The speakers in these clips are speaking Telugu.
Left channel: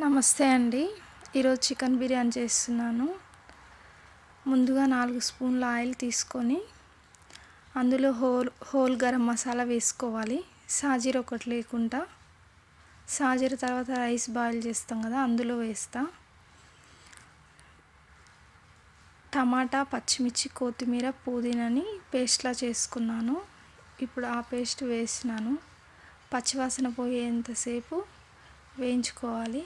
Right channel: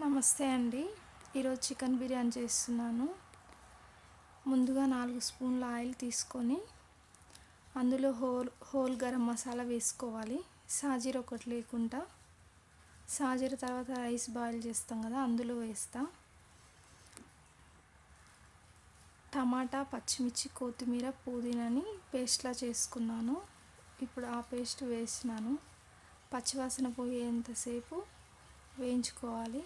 నమస్తే అండి. ఈరోజు చికెన్ బిర్యానీ చేస్తున్నాను. ముందుగా నాలుగు స్పూన్ల ఆయిల్ తీసుకొని అందులో హోల్ హోల్ గరం మసాలా వేసుకోవాలి. సాజీర ఒకటి లేకుండా. సాజీర తర్వాత రైస్ బాయిల్ చేస్తాం కదా అందులో వేస్తా. టమాటా పచ్చిమిర్చి కొత్తిమీర పుదీనాని పేస్ట్లా చేసుకున్నాను. ఇప్పుడు ఆ పేస్ట్ వేసినాను. పచ్చివాసన పోయేంతసేపు వేయించుకోవాలి.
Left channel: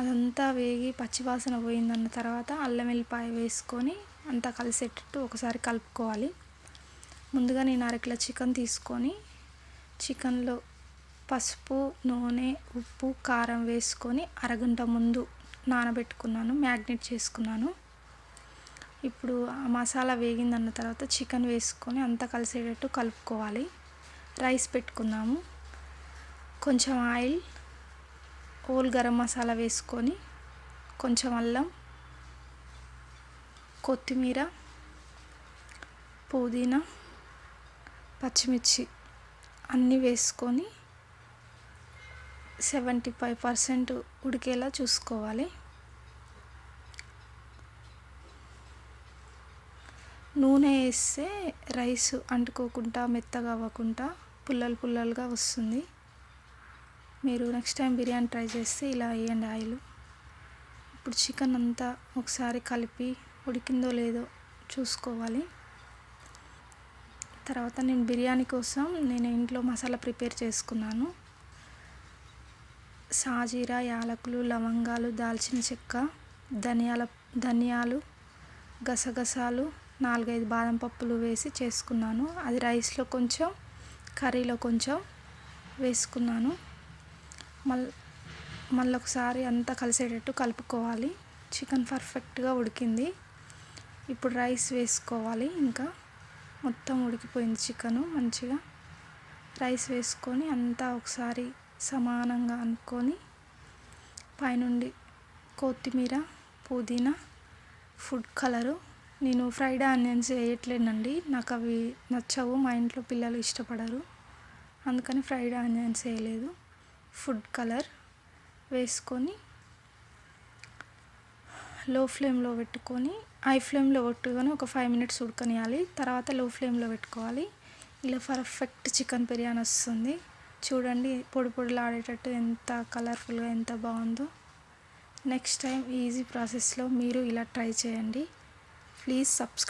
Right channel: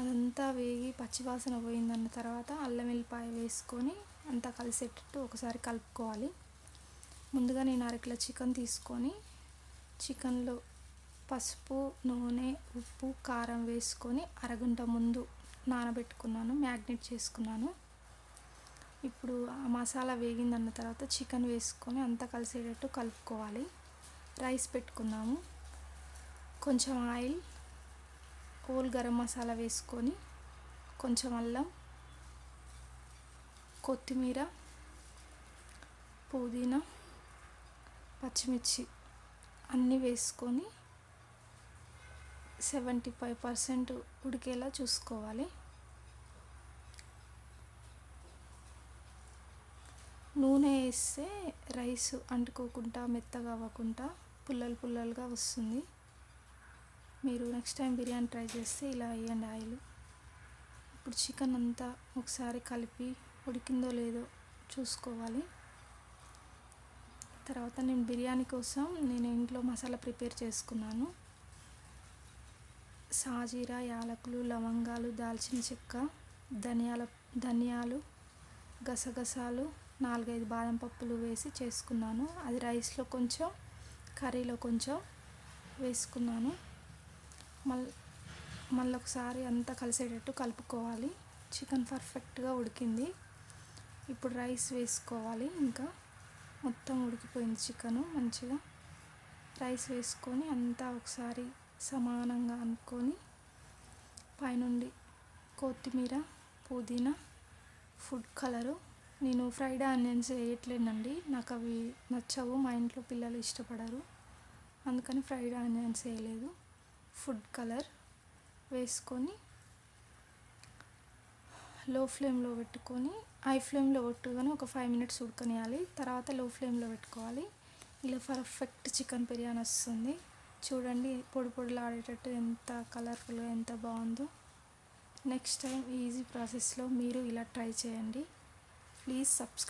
అదంతా వేగి పచ్చివాసన పోయిందన్న తర్వాత అల్లం వెల్లిపాయ వేసుకొని అంతా కలిసేటట్టు ఒకసారి కలుపుకోవాలి. ముందుగా నేను అరకిలో చికెన్ తీసుకొని చికెన్లో పసుపు నూనె ఉప్పు కారం వేసుకొని అరగంట ముందు నానబెట్టుకున్నాను మ్యాగ్నెట్ చేసుకున్నాను. ఇప్పుడు ఆ మసాలా వేగిందన్న తర్వాత చికెన్ వేసుకొని అంతా కలిసేటట్టు కలుపుకోవాలి. రైస్ పెట్టుకున్నాము కొంచెం ఆయిల్ హోల్ గరం మసాలా వేసుకొని కొంచెం అల్లం కొత్తిమీర పుదీనా పచ్చిమిర్చి అన్నీ వేసుకొని సెవెంటీ ఫైవ్ పర్సెంట్ ఉడికేలా చూసుకోవాలి. నూనె వేస్తే రైస్ అంటుకోకుండా మెత్తగా అవ్వకుండా పుల్లలు పుల్లలుగా వస్తుంది. మీరు నెక్స్ట్ టైం బిర్యానీ ట్రై చేస్తే ఇలా వేయండి ఆయిల్. ఇప్పుడు చికెన్ అంతా ఒకసారి కలిపి ఉడికిందో లేదో చూసుకోవాలి. తర్వాత నేను బిర్యానీ కోసం నేను ఇంట్లో మసాలా ప్రిపేర్ చేసుకున్నాను. సాజీరా యాలకులు లవంగాలు దాల్చిన చెక్క ధనియాల ధనియాలు గసగసాలు నాలుగైదు బాదం పప్పులు వేసి చేసుకున్నాను. అది రైస్లో కొంచెం కర్రీలో కొంచెం వేసుకున్నాను. మళ్ళీ మళ్ళీ ఒకసారి అంతా కలిసేటట్టు కలుపుకోవాలి. చికెన్ పర్ఫెక్ట్గా ఉడికింది. ఇప్పుడు రైస్ వేసుకోవాలి ఇంకా. మొత్తం ఉడికిపోయింది చికెను మంచిగా. రైస్ వేసుకొని అంతా ఒకసారి సమానంగా అనుకొని పైనుండి కొత్తిమీర పుదీనా ఫుడ్ కలరు. నేను ఫ్రైడ్ ఆనియన్స్ వేయట్లేనండి. నాకు అవి నచ్చవు. మా ఇంట్లో పిల్లలు ఇష్టపడరు. అందుకని ఫ్రైడ్ ఆనియన్స్ వేయలేదు. ఫుడ్ కలర్ వేసుకొని లో ఫ్లేమ్లో పెట్టుకొని హై ఫ్లేమ్లో పెట్టుకొని ఒక ఫైవ్ మినిట్స్ ఉడకనియాలి. తర్వాత లో ఫ్లేమ్లో పెట్టుకోవాలి. ఇలా పర్ఫెక్ట్ చికెన్ బిర్యానీ వస్తుంది. చూడండి పొడి పొడిలాడేటట్టు ఎంత కలర్ఫుల్గా ఎంత బాగుందో. నెక్స్ట్ టైం ఈజీ ప్రాసెస్లో మీరు ఇలా ట్రై చేయండి. Please subscribe